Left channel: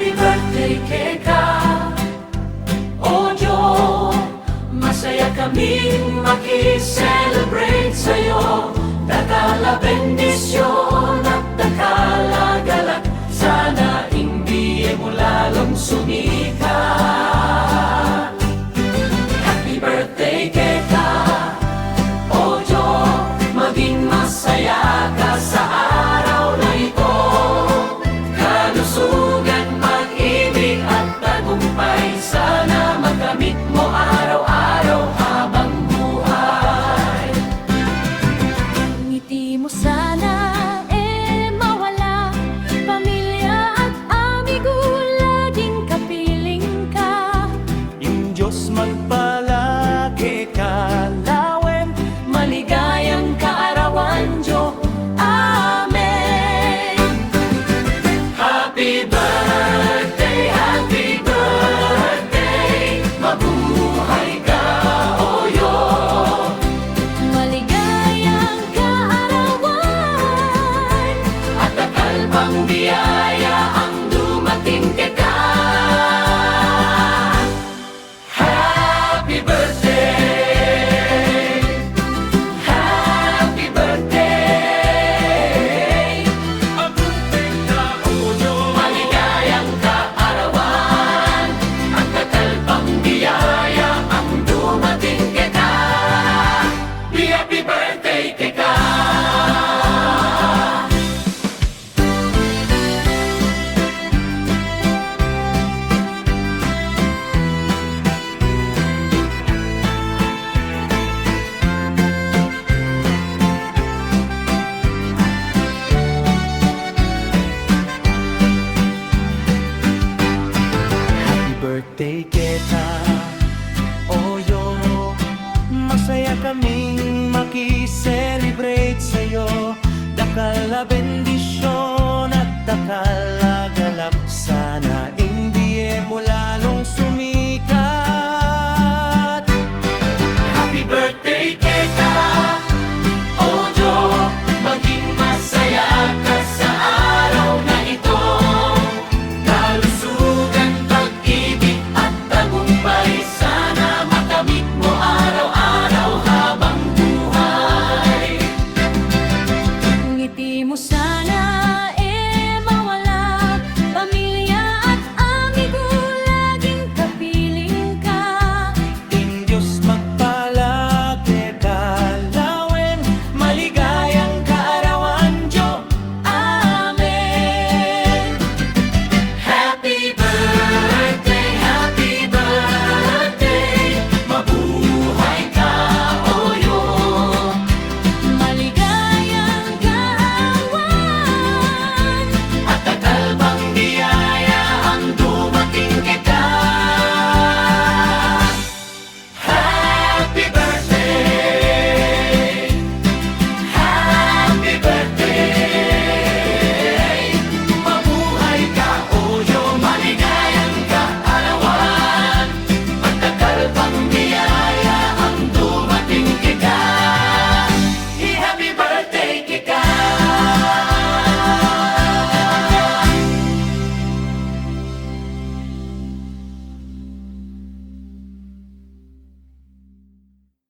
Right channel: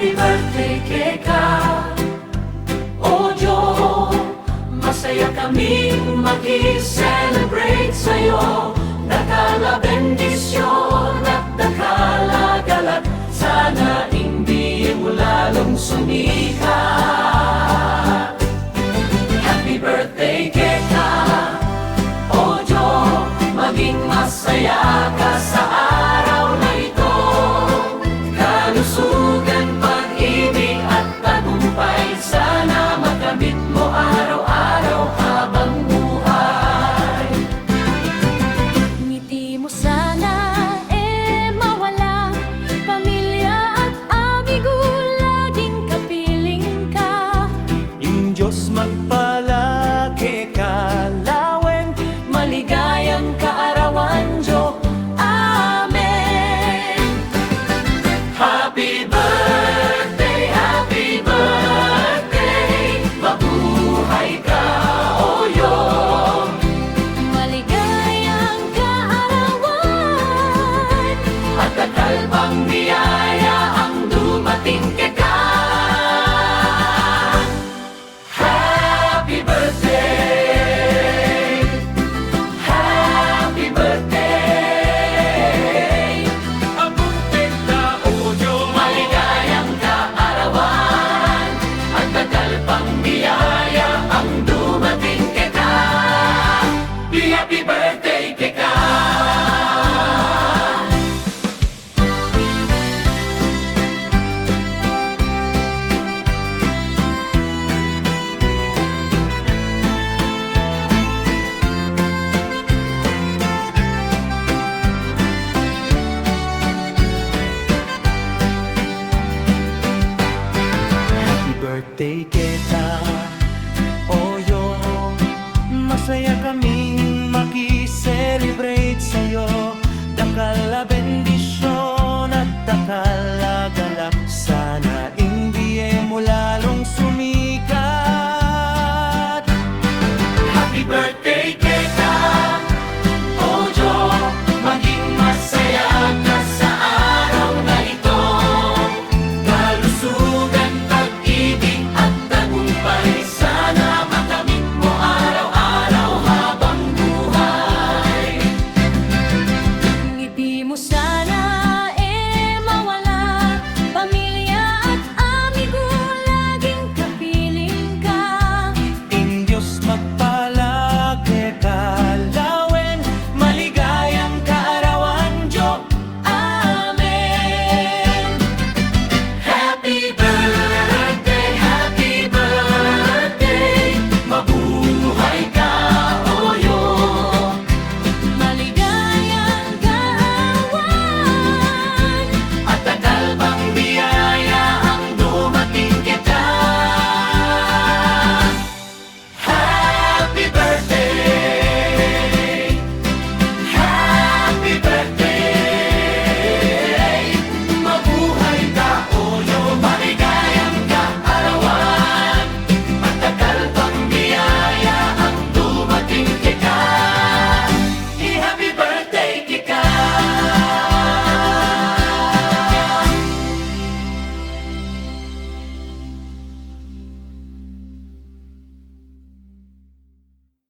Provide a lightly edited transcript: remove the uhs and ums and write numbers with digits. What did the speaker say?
Happy birthday Keka Ojo, masaya kaming makiselebrate sa'yo. Dakala bendisyon at dakala galat, sana hindi mo lalong sumikat. Happy birthday Keka Ojo, maging masaya ka sa araw na ito. Kalusugan, pag-ibig at tagumpay, sana makamit mo araw-araw habang buhay. Ngiti mo sana mawala, pamilya at amigo laging kapiling ka. Yung Diyos magpalagi kalawin, Maligayang kaarawan, Diyo. Amen. Happy birthday, mabuhay ka, Oyo. Maligayang kaarawan, At takal pang biyaya ang dumating Keka. Happy birthday, happy birthday. abutin na Oyo. Maligayang kaarawan at takal pang biyaya ang dumating Keka. Happy birthday Keka. Happy birthday Keka Oyo, masaya kaming makiselebrate sa'yo. Dakal na bendisyon at dakal